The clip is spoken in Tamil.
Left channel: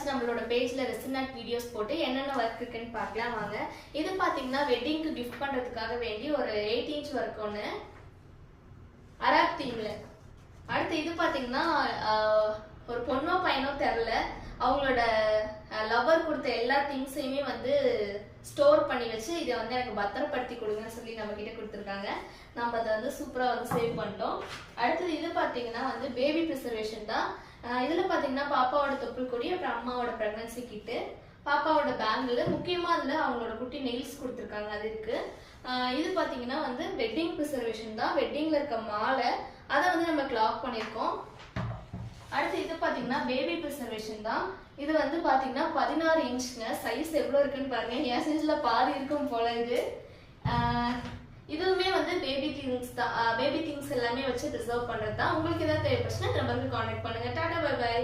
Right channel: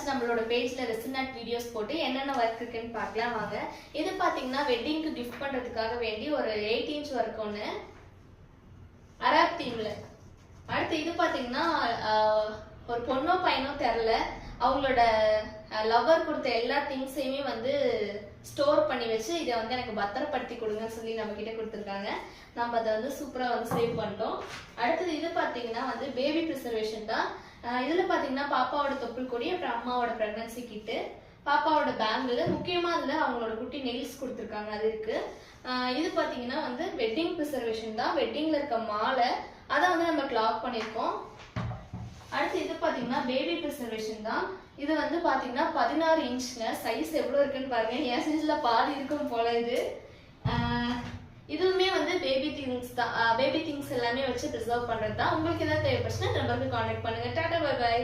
ஃபர்ஸ்ட் நம்மளோட பேஜ்ல ரெசின் ஆர்ட் வீடியோஸ் போட்டு என்னென்ன ஒர்க் இருக்குன்னு பார்க்கலாம் வாங்க. இது பாத்தீங்கன்னா வெட்டிங்க்கு கிஃப்ட் பண்றதுக்காக வேண்டி ஒரு 8 இன்ச் ஒர்க் ஒன்று அராக் தீம்ல. அடுத்து இது பாத்தீங்கன்னா ஒரு பொண்ணோ பையனோ தெரியல, அவங்களோட லவ்வர் கொடுத்த எல்லா திங்ஸையுமே வந்து ஸ்டோர் பண்ணி வச்சு இதை வந்து எனக்கு பத்திரப்படுத்தி கொடுங்கன்னு சொல்லி நம்ம கிட்ட கொடுத்துருக்காங்க. நம்ம அதை வந்து சூப்பரா வந்து சேவ் பண்ணிட்டோம். அடுத்தது இது பாத்தீங்கன்னா வந்து பேபி ப்ரிசர்வேஷன் தான். இதுல பாத்தீங்கன்னா பாப்பாவோட தொப்புள் கொடி, அப்புறம் அம்மாவோட பிரெக்னன்சி கிட்டு, பாப்பாவோட பேங்கிள், முக்கியமா அதுல அவங்களோட குட்டி நெயில்ஸ் கொடுத்துருக்காங்க, அது இருக்கு. இது பாத்தீங்கன்னா வந்து வெட்டிங் ப்ரிசர்வேஷன் தான். வெட்டிங்ல இருக்க மாலை அதை வந்து நம்ம கிளாக் பண்ணிருக்கோம். அடுத்து இது பாத்தீங்கன்னா பேபி ப்ரிசர்வேஷன் தான். இது வந்து பாத்தீங்கன்னா 16 இன்ச்ங்க. சைஸ் எவ்வளவு இருக்குன்னு பாருங்க. என் சைஸ்ல பாதி இருக்கும் போல இது. இதுவுமே வந்து பேபி திங்ஸ் தான். பேபி திங்ஸ் எல்லாமே வச்சு ப்ரிசர்வ் பண்றது தான். உங்களுக்கு ஏதாவது தேவைப்பட்டுச்சுன்னா நம்பருக்கு கான்டாக்ட் பண்ணுங்க. Tata bye by.